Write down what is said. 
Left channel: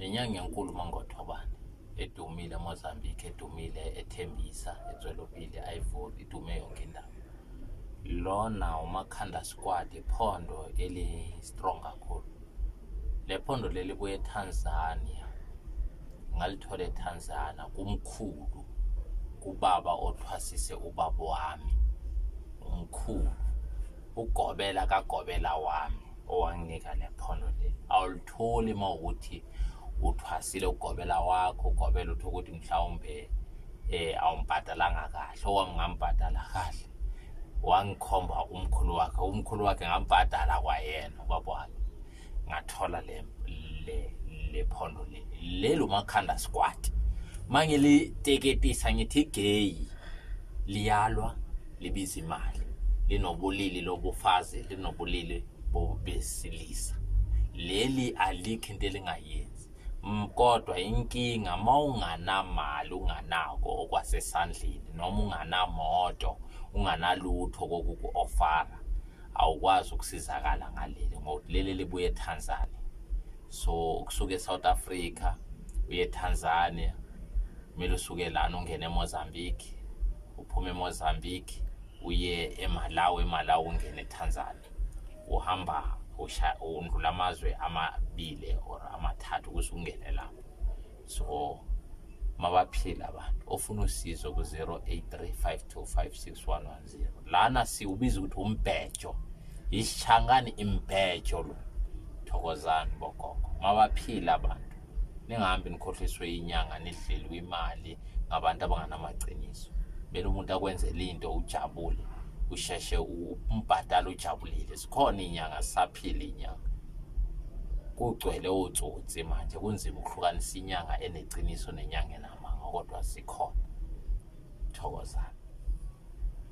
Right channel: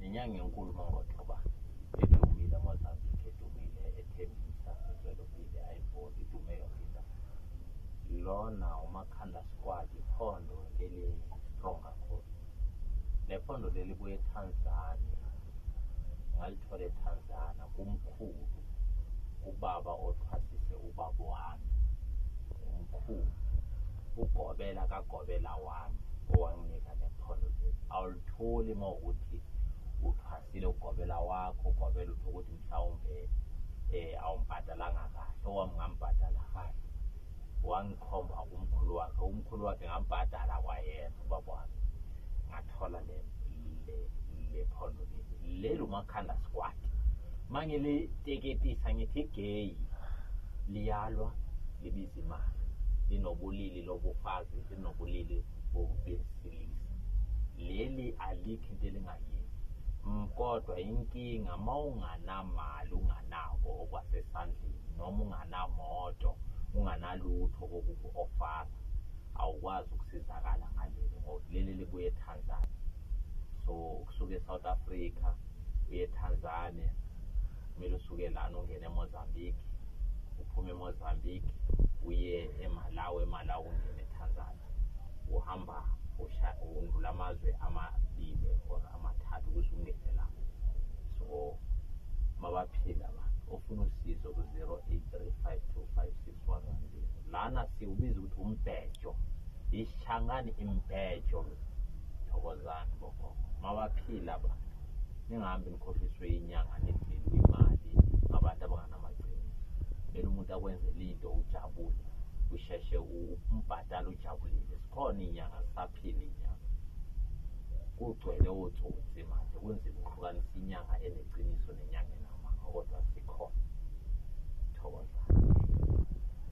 Inyanga enkulu mangothabane edumile eMozambique, edumile eThembisa, eTzwelopile, iVoli, idume yonke indawo. Lona uMakhanda Squad, iphondo eli strong kakhulu. Le phondo leli buye eTanzania, ngalithola eTanzania kumkhulu, kubaba othwasise ubaba wami, umkhulu ugobela kagobela wami owanginika le phondo leli. Awulitholi mawukuthi uthwasile ugobela wakho, ugobela uthi ukuthi mhlawumbe awumbhadalanga kahle, owami ngambhadala kahle. Wangikhomba umkhulu wakhe ngambhadala kwayena ubaba wakhe, ngathola le phondo leli uMakhanda Squad. Mangiliteketisa ngithi gay liyalwa libiza imali, linobulili lobufazi, linobulili besilisa. Leli alikho into elingayenzi. Kodwa inkinga mawunganamali, unganako okwasesandleni, noma unganamoto, unganalutho kokuku-ofara, awukwazi ukusizakala ngaleli ngoba leli libuye eTanzania. So ukusuka eSouth Africa uye eTanzania, kumele usuke lana ungene eMozambique, uphume eMozambique uye eMalawi, ungene eTanzania. Uhamba undlula amazwe amabili or amathathu ukuze ungene lapho. So mabaphila abantu ofuna usizo ku 0835256110. Lana siubiza ukuthi umbhejo, isishangani imbhejo lo. Thokozani bogogo. Mabaphila abantu, ningahambi nikhohliswe inyanga nidlelwe imali ngabantu abanganamaqiniso. Bela umuntu akwenzela into ujabule, usheshe umbhadala ujabulile. Sikhona inyanga, saphila inyanga. Kugcwele otsotsi manje, kunzima ukuhlukanisa inyanga eneqiniso nenyanga enamanga, kodwa sikhona. Thokozani.